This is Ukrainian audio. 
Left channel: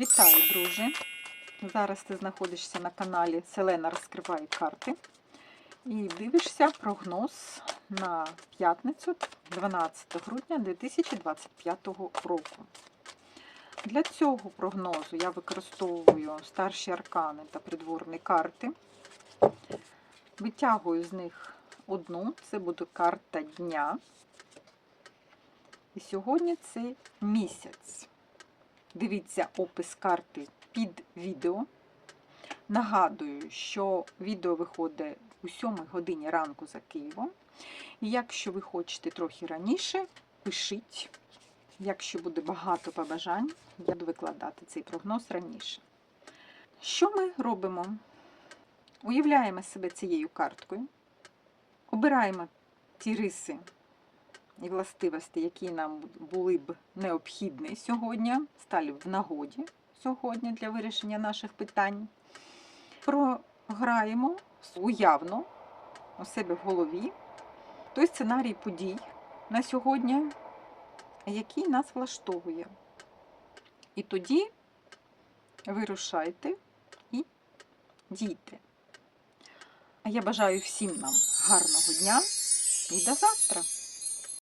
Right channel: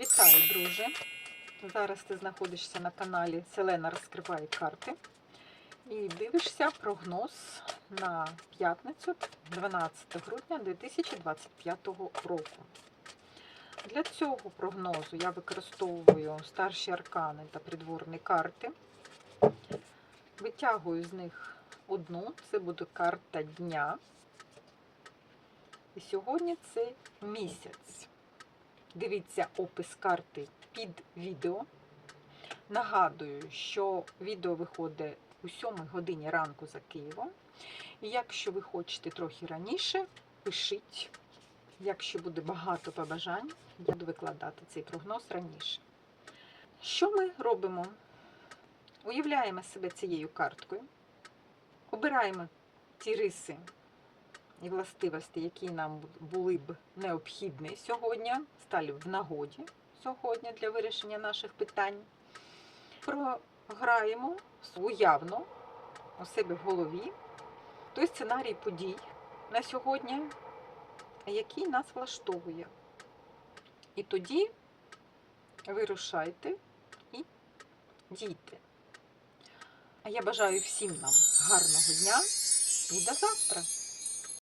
Вітаю, друже! Зараз ти знаходишся на каналі Селена розкриває карти і дивишся прогноз на п'ятницю 12 грудня 2025 року. Для цього прогнозу я використовую старші аркани та придворні карти. Витягую з них одну, це буде карта дня. І сьогодні це місяць. Дивіться опис карти під відео. Нагадую, що відео виходить у 7 годині ранку за Києвом. І якщо ви хочете трохи раніше, пишіть. Якщо буде багато побажань, буду викладати цей прогноз раніше. Що ми робимо? Уявляємо себе цією карткою, обираємо ті риси властивості, які нам були б необхідні сьогодні, стали в нагоді сьогодні для вирішення наших питань. Програємо уявно у себе в голові той сценарій подій на сьогодні, який нас влаштовує. І тоді вирушайте і дійте. А я бажаю всім нам гарного дня і до завтра!